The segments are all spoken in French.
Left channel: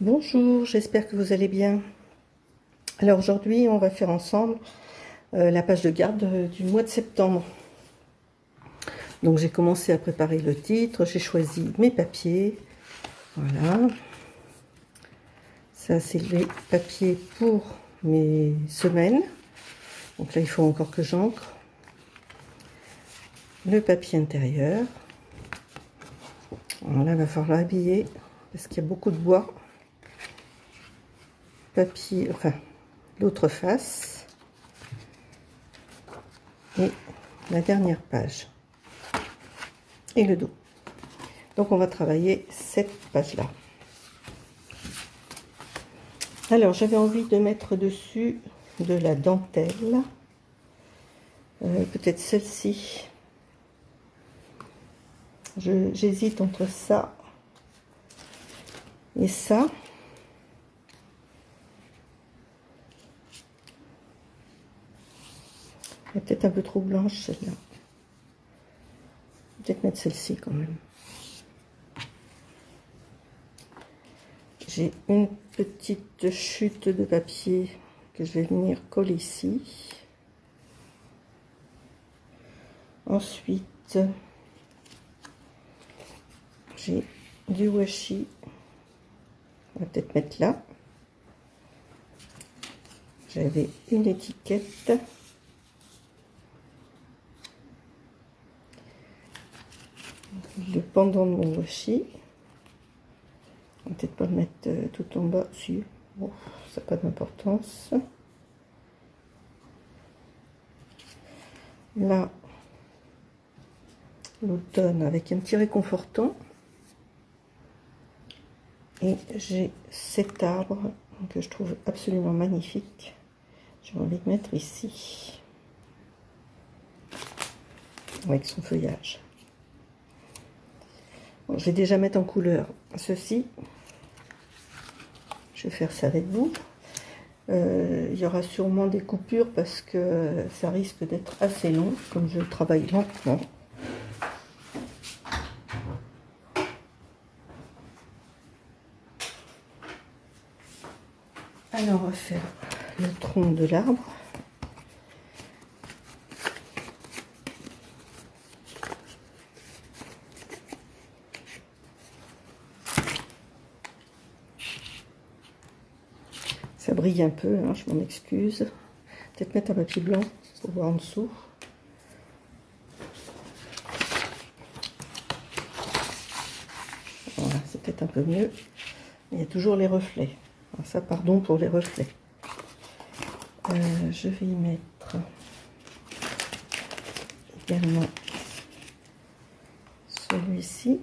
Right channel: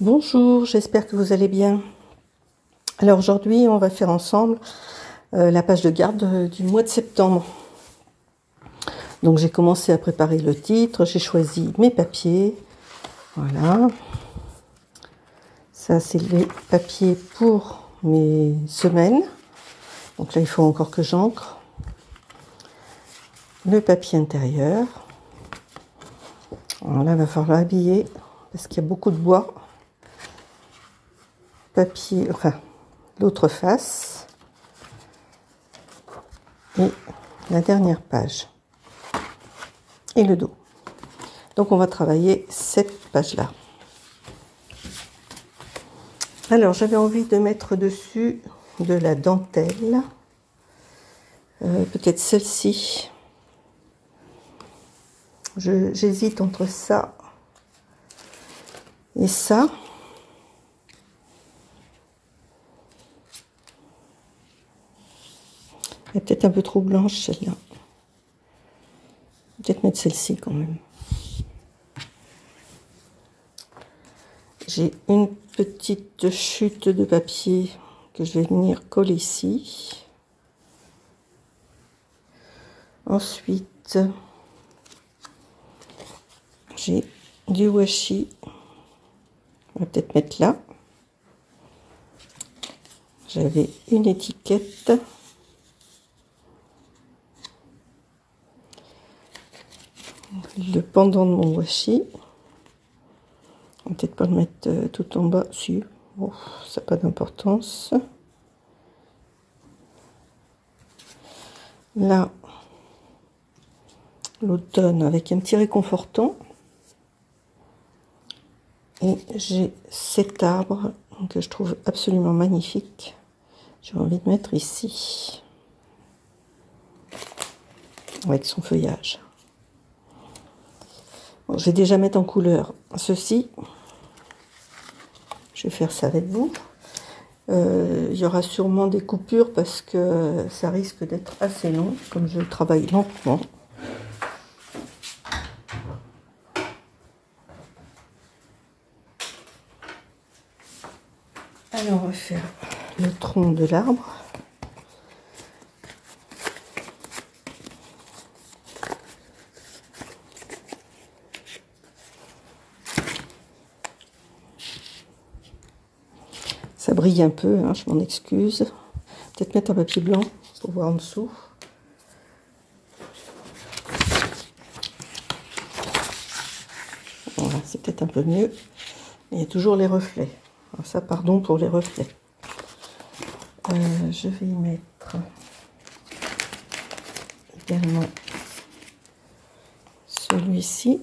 Bonjour, j'espère que vous allez bien. Alors aujourd'hui, on va faire ensemble la page de garde du mois de septembre. Donc j'ai commencé à préparer le titre, j'ai choisi mes papiers. Voilà. Ça, c'est les papiers pour mes semaines. Donc là, il faut encore que j'encre. Le papier intérieur. Alors là, il va falloir l'habiller parce qu'il y a beaucoup de bois. Papier, enfin, l'autre face. Et la dernière page. Et le dos. Donc on va travailler cette page-là. Alors j'avais envie de mettre dessus de la dentelle. Peut-être celle-ci. J'hésite entre ça et ça. Elle est peut-être un peu trop blanche celle-là. Peut-être mettre celle-ci quand même. J'ai une petite chute de papier que je vais venir coller ici. Ensuite, j'ai du washi. On va peut-être mettre là. J'avais une étiquette. Le pendant de mon washi. On va peut-être pas le mettre tout en bas. Si, bon, ça n'a pas d'importance. Là, l'automne avec un petit réconfortant. Et j'ai cet arbre que je trouve absolument magnifique. J'ai envie de mettre ici. Avec son feuillage. Bon, je vais déjà mettre en couleur ceci. Je vais faire ça avec vous. Il y aura sûrement des coupures parce que ça risque d'être assez long, comme je travaille lentement. Alors on va faire le tronc de l'arbre. Ça brille un peu, hein, je m'en excuse. Peut-être mettre un papier blanc pour voir en dessous. Voilà, c'est peut-être un peu mieux. Il y a toujours les reflets. Alors ça, pardon pour les reflets. Je vais y mettre également celui-ci.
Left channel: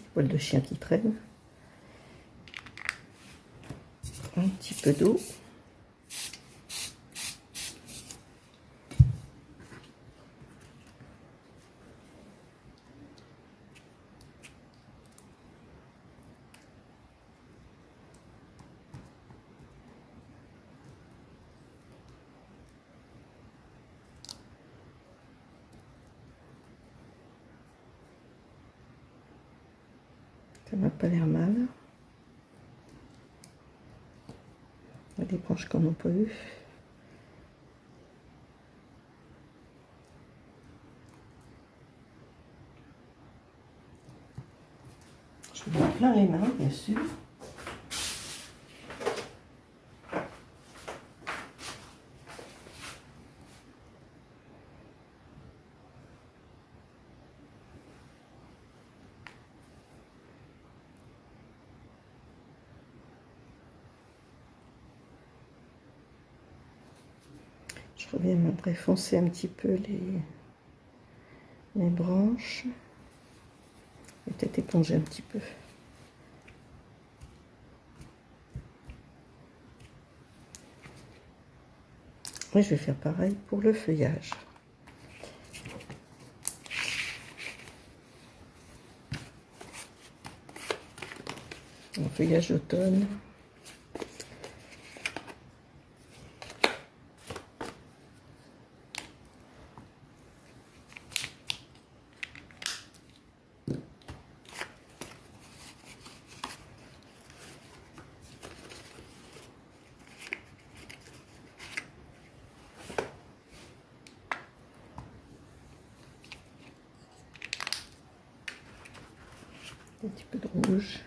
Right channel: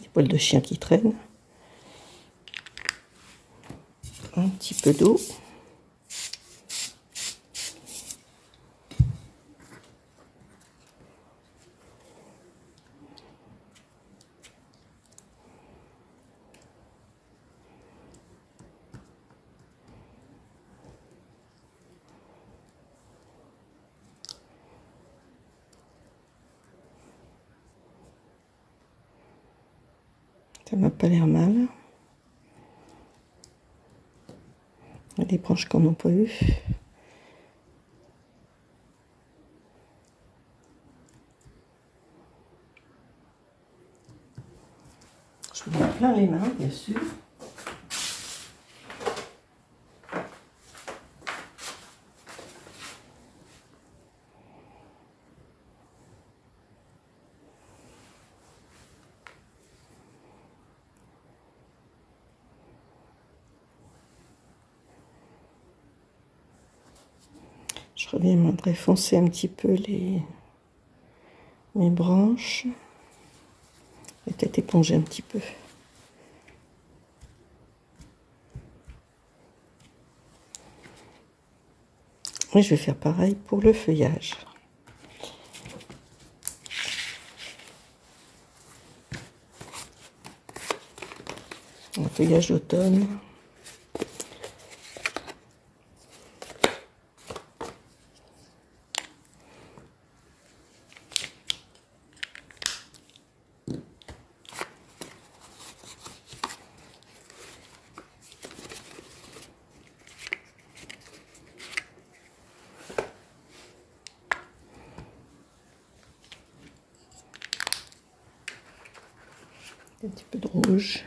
Des poils de chien qui traînent. Un petit peu d'eau. Ça m'a pas l'air mal. Il y a des branches qu'on n'a pas eu. Je me mets plein les mains, bien sûr. Je reviendrai foncer un petit peu mes branches. Et peut-être éponger un petit peu. Et je vais faire pareil pour le feuillage. Un feuillage d'automne. Un petit peu de rouge.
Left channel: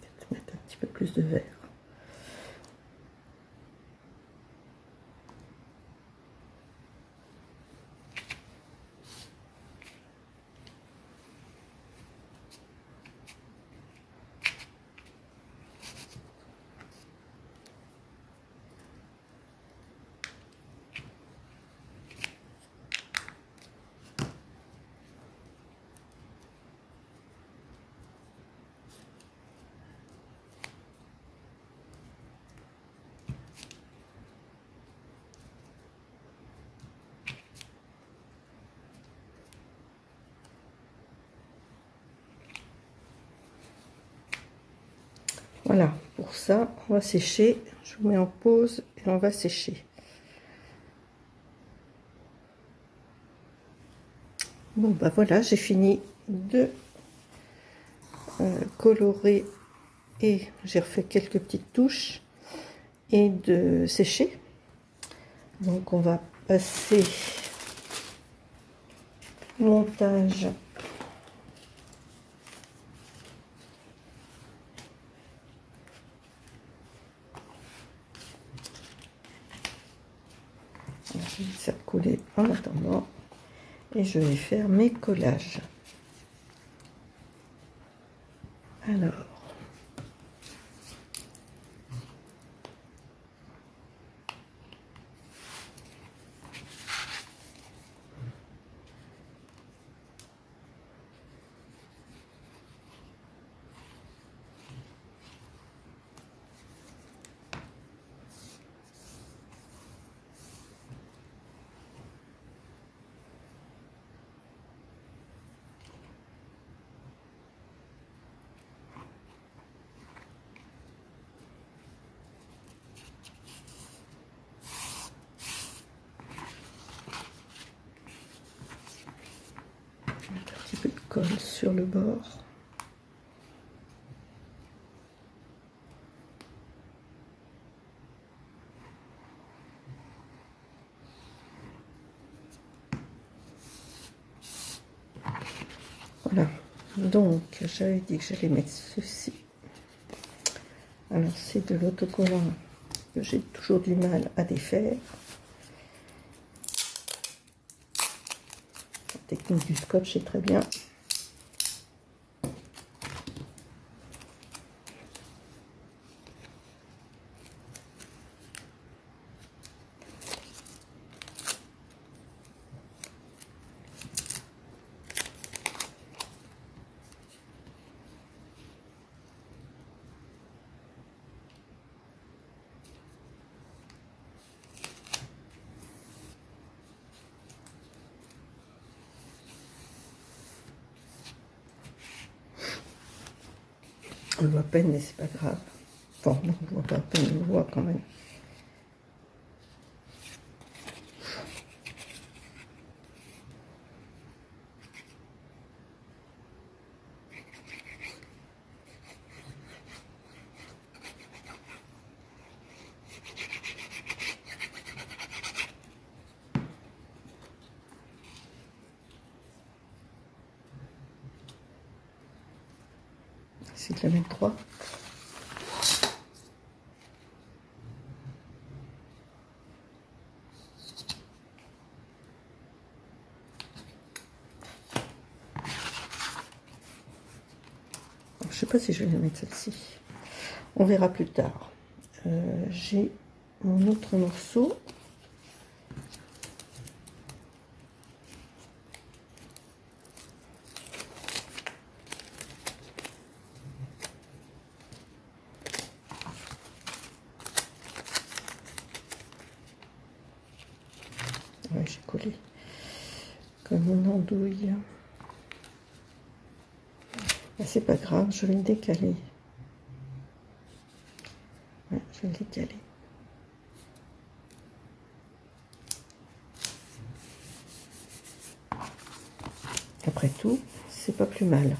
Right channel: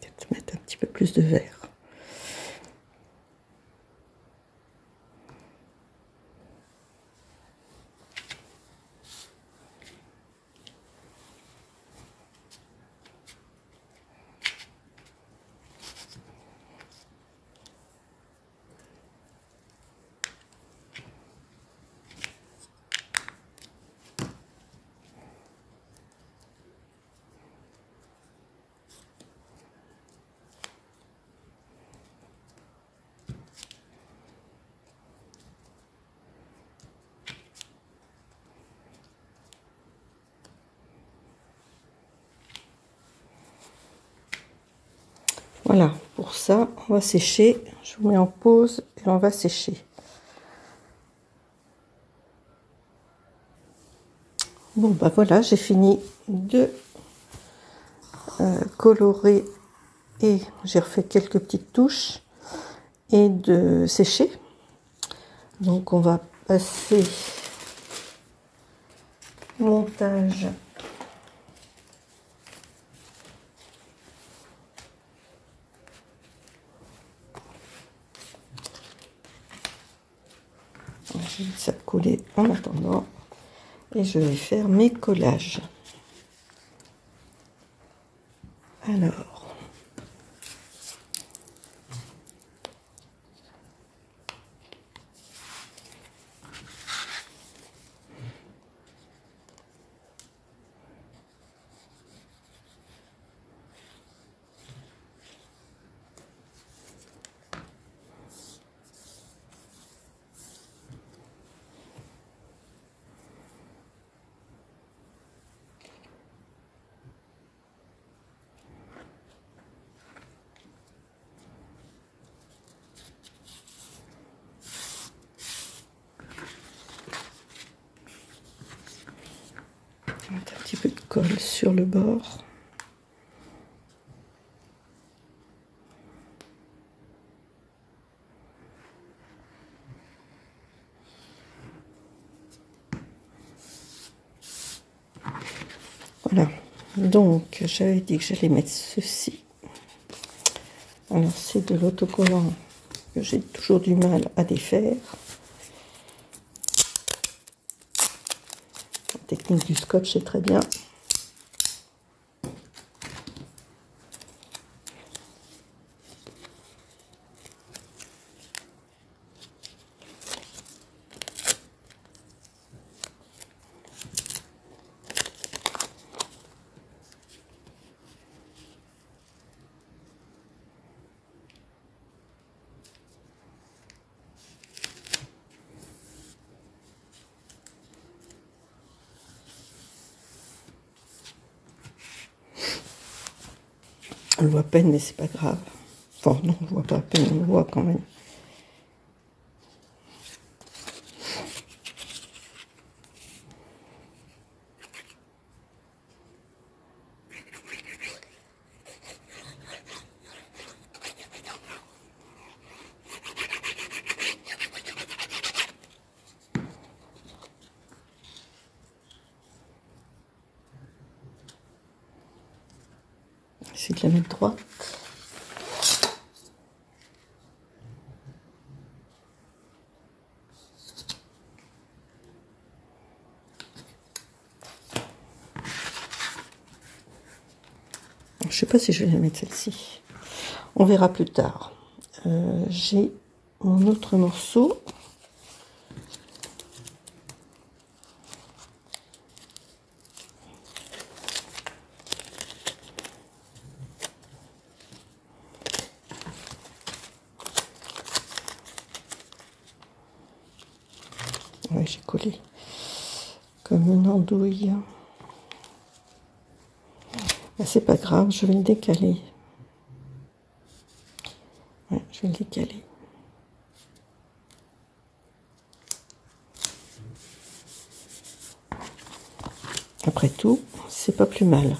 Peut-être mettre un petit peu plus de vert. Voilà, pour ça, on va sécher. Je vous mets en pause et on va sécher. Bon, bah voilà, j'ai fini de colorer et j'ai refait quelques petites touches et de sécher. Donc, on va passer au montage. Je vais ça coller en attendant et je vais faire mes collages. Alors, mettre un petit peu de colle sur le bord. Voilà, donc j'avais dit que j'allais mettre ceci. Alors c'est de l'autocollant que j'ai toujours du mal à défaire. La technique du scotch est très bien. On le voit à peine, mais c'est pas grave. Enfin, non, on le voit pas à peine, on le voit quand même. Essayer de la mettre droite. Je sais pas si je vais la mettre celle-ci. On verra plus tard. J'ai mon autre morceau. Oui, j'ai collé comme une andouille. Mais c'est pas grave, je vais le décaler. Ouais, je vais le décaler. Après tout, c'est pas plus mal.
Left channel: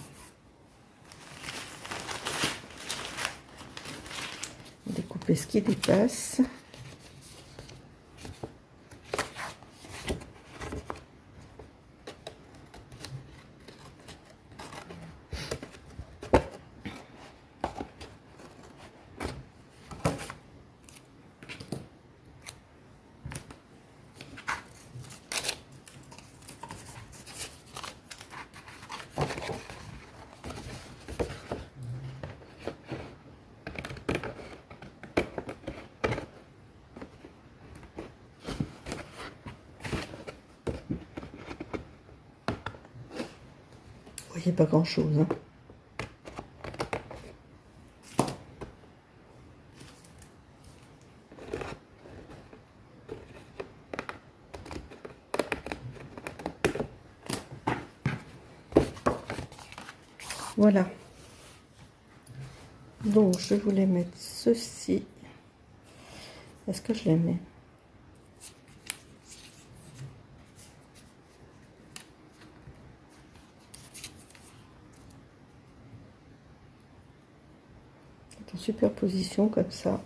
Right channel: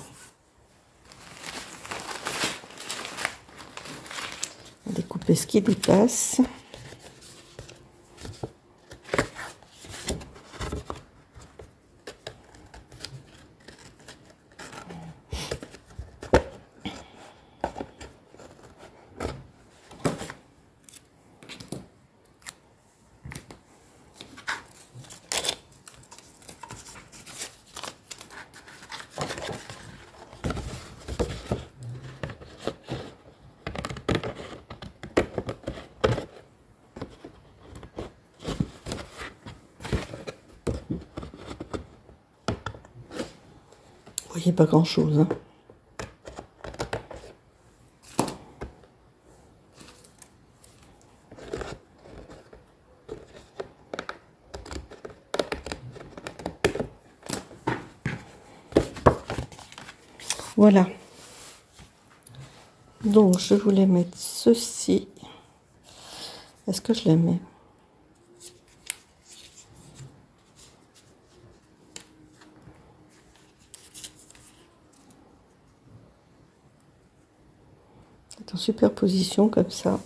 Découper ce qui dépasse. Vous voyez pas grand chose, hein. Voilà. Donc je voulais mettre ceci. Est-ce que je les mets? En superposition comme ça.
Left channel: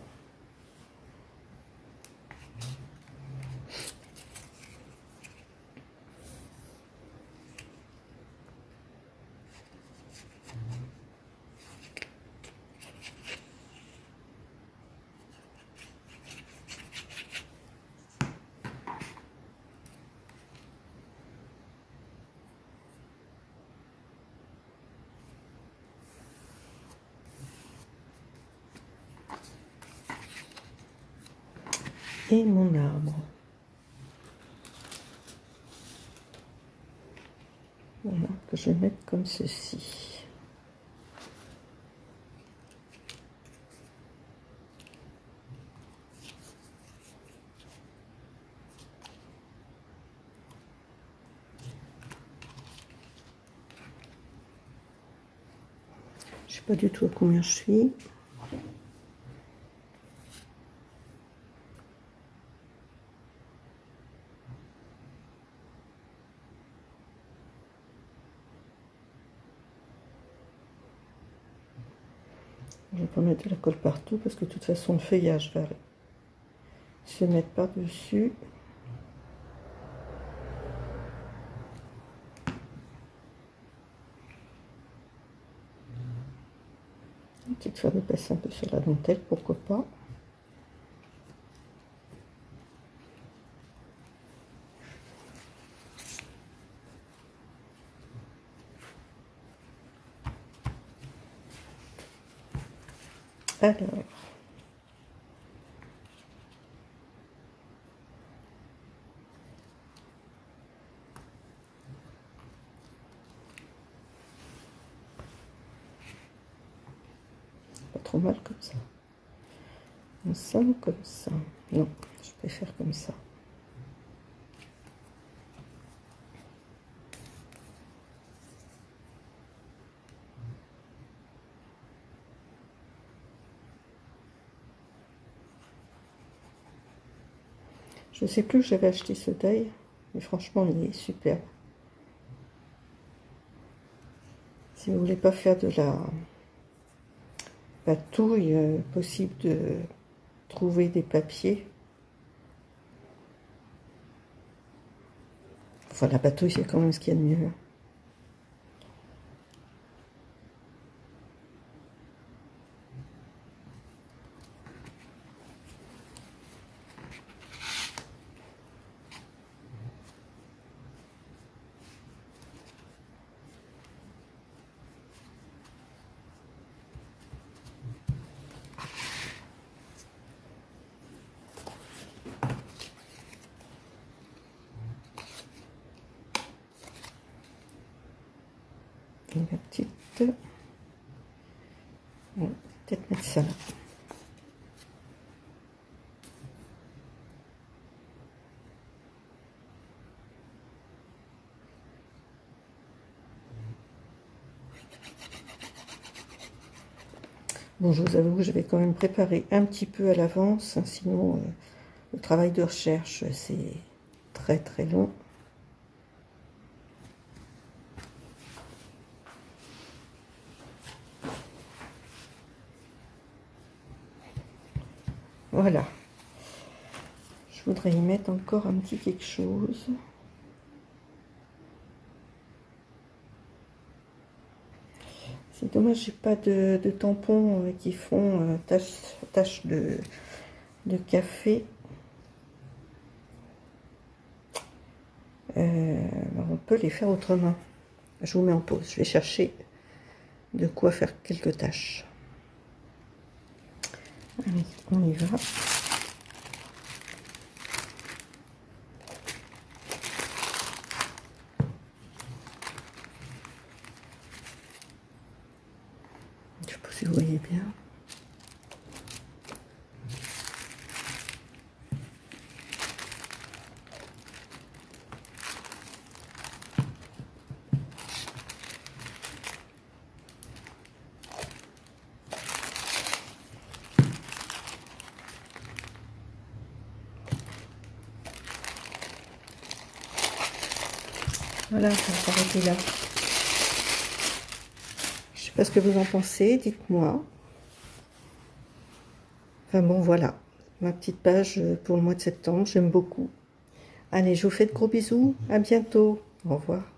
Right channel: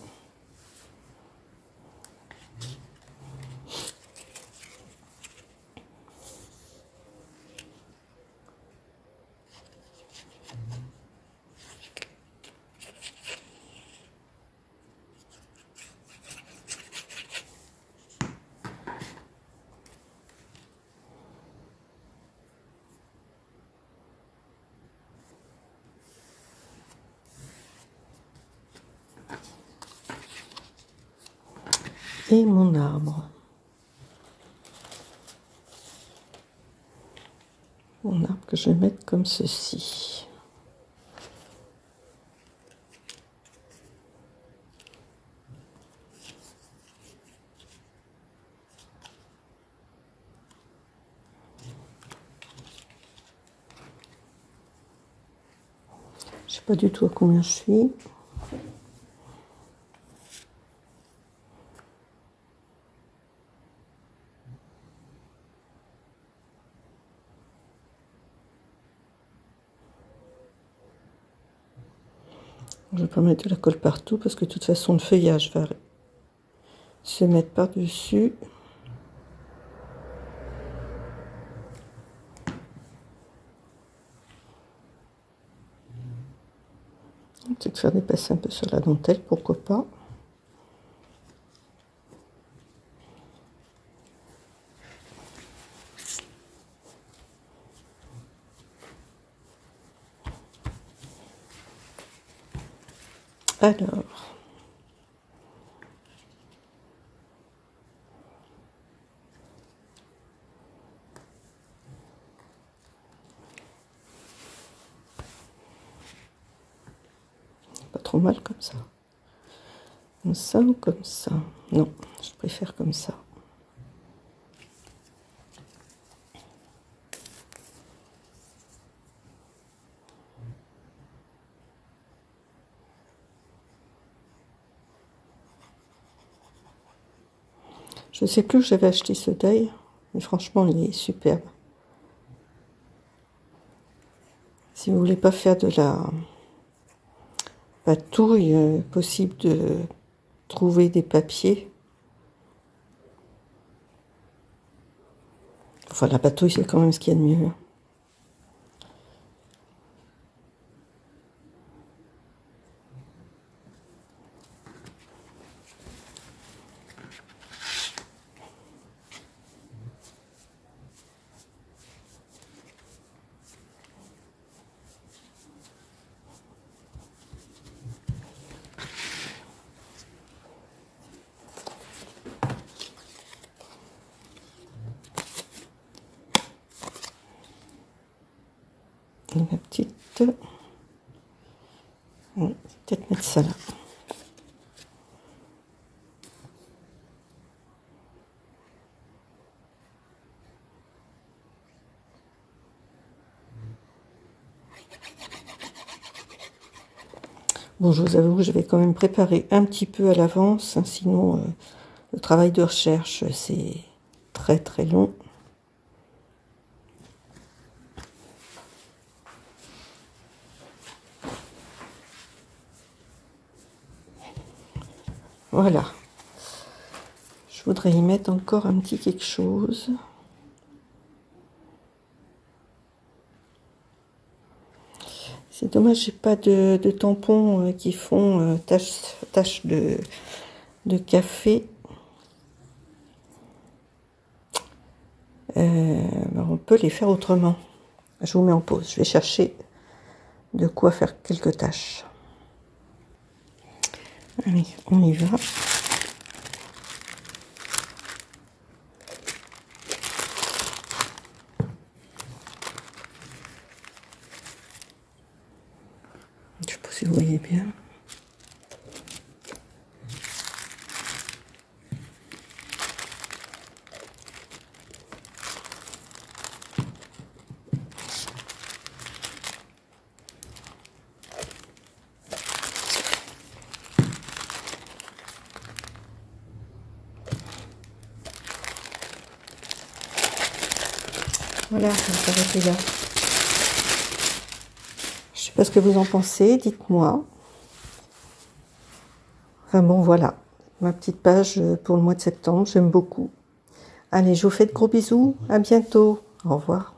Et mon arbre. Mon arbre que je vais mettre comme ceci. Je sais pas du tout à combien je suis. Je ne vais pas mettre de la colle partout parce que de toute façon le feuillage va se mettre par-dessus. Peut-être faire dépasser un peu sur la dentelle, pourquoi pas. Alors, pas trop mal comme ça. Comme ça ou comme ça? Non, je préfère comme ça. Je sais plus où j'avais acheté ce deuil, mais franchement, il est superbe. Si vous voulez pas faire de la patouille, possible de trouver des papiers. Enfin, la patouille, c'est quand même ce qu'il y a de mieux. La petite... peut-être mettre ça là. Bon, je vous avoue que je vais quand même préparer un petit peu à l'avance, hein, sinon le travail de recherche, c'est très très long. Voilà. Je voudrais y mettre encore un petit quelque chose. C'est dommage, j'ai pas de tampons qui font tache de café. On peut les faire autrement. Je vous mets en pause. Je vais chercher de quoi faire quelques tâches. Allez, on y va. Je sais pas si vous voyez bien. Voilà, ça va s'arrêter là. Je sais pas ce que vous en pensez, dites-moi. Enfin bon, voilà, ma petite page pour le mois de septembre, j'aime beaucoup. Allez, je vous fais de gros bisous, à bientôt, au revoir.